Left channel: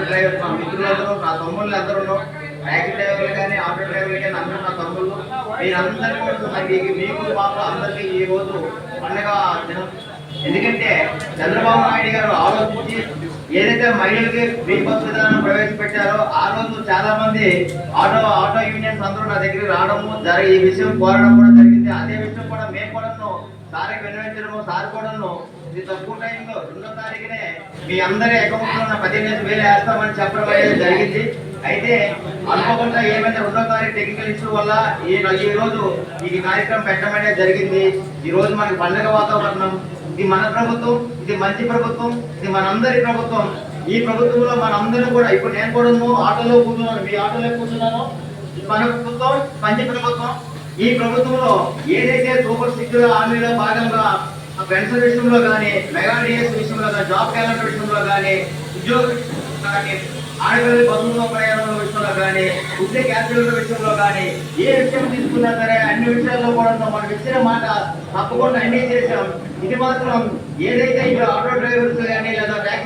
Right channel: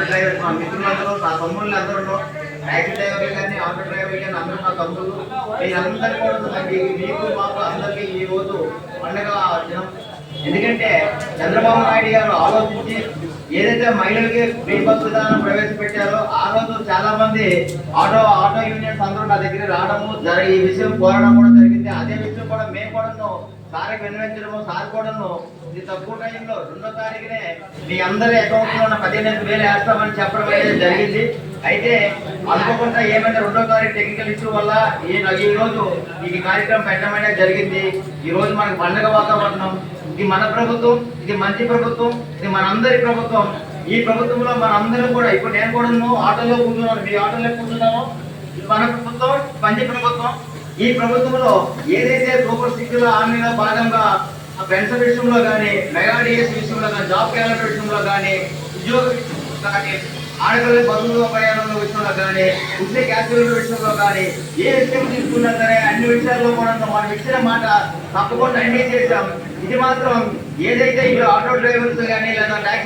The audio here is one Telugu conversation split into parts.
డ్రైవర్ మా మిత్రులందరూ నా తమ్ముళ్ళు అందరూ ట్యాక్సీ డ్రైవర్లు కానీ ఆటో డ్రైవర్లు కానీ అందరూ నా తమ్ముళ్ళు మీరందరూ కూడా నాకు మీకు మాకు అందరికీ ఈ రోజు పండగ దినం. ఎందుకంటే చంద్రబాబు నాయుడు గారు ఆలోచించి ఏదైతే మహిళలకి ఫ్రీ బస్ విధానం ప్రవేశపెట్టారో ఆ రోజు చాలా మంది ఆటో ఆటో యూనియన్స్ అందరూ నా దగ్గరికి రావడము జరిగి ఈ విషయం కోరడం కూడా జరిగింది. సార్కి విన్నవించడము సార్ కూడాను ఇది తక్కువ టైంలో రెండో తారీఖునే మీ అందరి అకౌంట్లో ఉన్న పదిహేను వేలు వేస్తామని చెప్పడం అనేది జరిగింది. అయితే అనుకోకుండా ఏమైనా రెండో తారీఖు టెక్నికల్ ఇష్యూ వల్ల ఈ ఈ రోజు ఈ కార్యక్రమం పెట్టడం అనేది జరిగింది. ఈ రోజు మనకి పండగ వాతావరణం. ఇది మన ప్రభుత్వం ఇది మంచి ప్రభుత్వం ఇది మనందరి ప్రభుత్వం. ఈ ప్రభుత్వంలో మనందరం కూడా ఇప్పుడు నేను కూడా ఆటోలో కూర్చున్నాను మీ ఆటోలో కూర్చున్నాను. ఇది మన ప్రభుత్వం మంచి ప్రభుత్వం. ఈ ప్రభుత్వంలో ఏదైతే సూపర్ సిక్స్ హామీలో భాగంగా పెన్షన్ విషయంలో కానీ మెగా డిఎస్ విషయంలో కానీ జాబ్ క్యాలెండర్ విషయంలో కానీ ఉద్యోగ కానీ ఆడపిల్లల బంధువుల ప్రయాణం విషయంలో కానీ ఉద్యోగ క్యాపిటల్ విషయంలో కానీ ఏ విషయం తీసుకున్నా సరే అన్ని విషయాల్లో కూడా మనం ఇచ్చిన మాట తప్పకుండా అన్ని చేశాం. ఇది మాత్రం ఏదైతే ఇప్పుడు ఆటో డ్రైవర్స్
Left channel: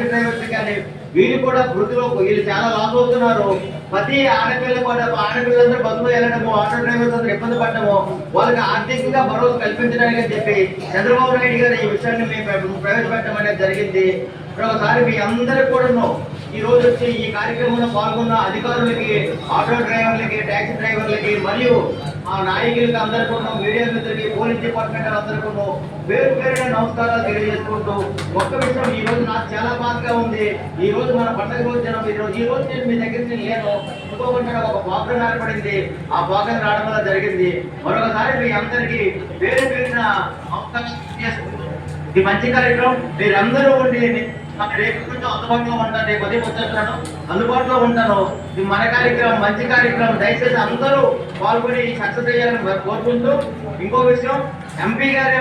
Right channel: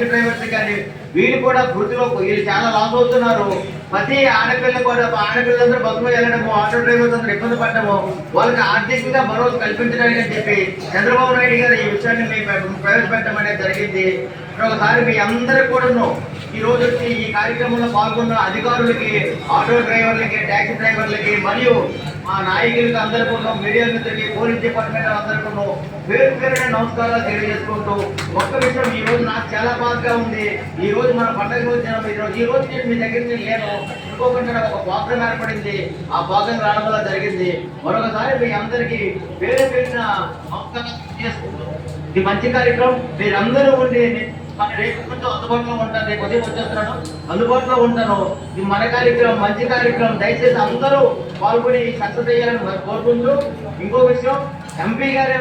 ట్యాక్సీ డ్రైవర్స్ కానీ వీళ్ళు కూడా వృత్తిలో వీళ్ళు చాలా లాస్ అవుతున్నారు. ప్రతి ఆడపిల్ల కూడా ఆడపిల్లలందరూ బస్సులో వెళ్ళడము ఆటో డ్రైవర్స్ అందరూ ఇబ్బంది పడటము వాళ్ళకి ఆర్థికంగా భరోసా కల్పించడానికి అని చెప్పి చంద్రబాబు నాయుడు గారు ఈ విషయాన్ని మేము ప్రవేశపెట్టడం అనేది జరిగింది. ఒకసారి మీ అందరికి కూడాను ఈ రోజు వచ్చి ఈ కార్యక్రమంలో పాల్గొన్న అధికారులకి ఆటో డ్రైవర్లకి ట్యాక్సీ డ్రైవర్లకి మరియు మా నాయకులకు అందరికీ మీడియా మిత్రులకి పోలీస్ డిపార్ట్మెంట్ అందరికీ వేరు పేరున నమస్కారాలు తెలియజేసుకుంటూ ఒక్క విషయం ఈ రోజు నాకు చాలా బాధగా ఉంది. ఈ రోజు మన పండగ రోజు జనం ఈ రోజు ఈ రోజు నేను మీ దగ్గర నుంచి లేను. అనుకోకుండా ఒక ప్రాబ్లం ఏర్పడింది. ఆ ప్రాబ్లం రావడం వల్ల జరిగింది. మరొకసారి మీ అందరికీ పేరు పేరున నమస్కారం చేసుకుంటూ ఇది మంచి కార్యక్రమం. మీరందరూ ఉండి మన రేపు నుంచి అందుబాటులో ఉంటాను రేపు ఉదయం వచ్చేస్తున్నాను. అందుబాటులో ఉంటాను. ఇది మన కార్యక్రమం మంచి కార్యక్రమం. దయచేసి అందరూ పాల్గొని సక్సెస్ అయ్యాలని కోరుకుంటూ ఇంకో విషయం ఎంపీ గారు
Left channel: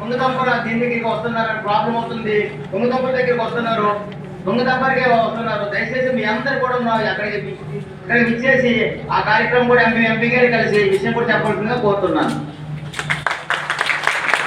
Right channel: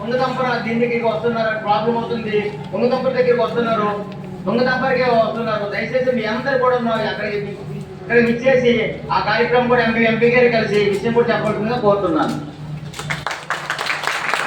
ముందుతంపర దీని దగ్గరికి వస్తున్నారు ప్రాబ్లం అవుతుంది. ముందుతంపర దగ్గరికి వస్తున్నారు. దొంగతంపరికే వస్తున్నారు. దయచేసి మీ అందరు కూడా ఉన్న అక్కడికి ఇక్కడికి ఇచ్చేసి ఆ కార్యక్రమం కూడా ఎంపీ ఎంపీ గారు కలిసి విషయం కూడా చెప్పాల్సిందిగా కోరుతున్నాను.